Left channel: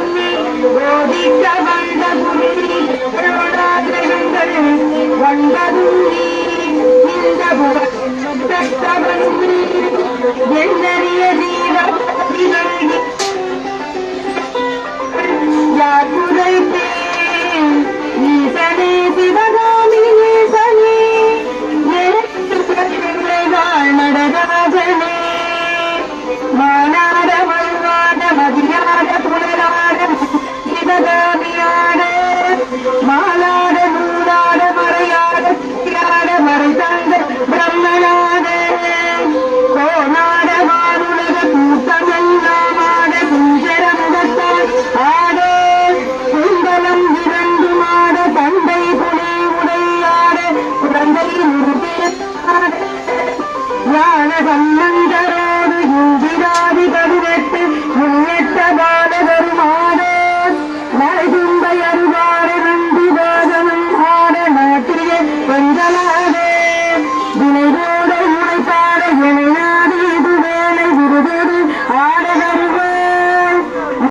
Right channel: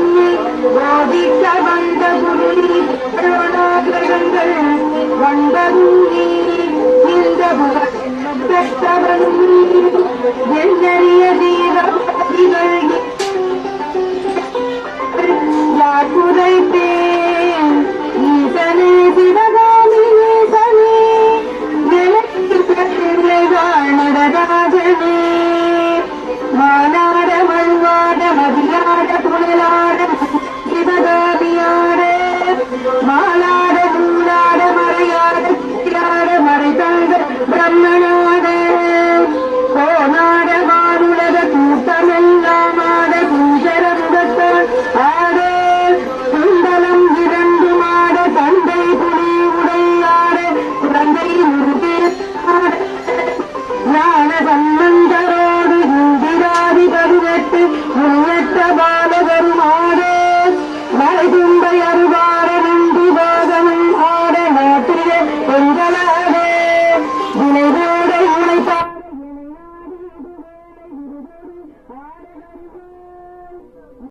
சொல்லி போதிக்க வந்த புள்ளி வந்த புள்ளி இந்த பெற்றவன் எண்ணறிய தீவிரங்கள் யார் குறைத்தேன் ஈசனே சிவகாமி ஈசனே வாழ் நடராஜனே மாநாட மல்வாட மதியாட புனலாட சிவகாமியாட மாலாட நூலாட மறையாட மறை தங்க பிரம்மனாட கோணாட மாருலக கூட்டமெல்லாமாட குஞ்சர முகத்தால் ஆட குண்டலம் இரண்டு மாட தந்தை புலி உடையாட குழந்தை முருகேயாட ஞான சம்பந்தரோடு இந்திராதி கருவெட்டு முன்னெட்ட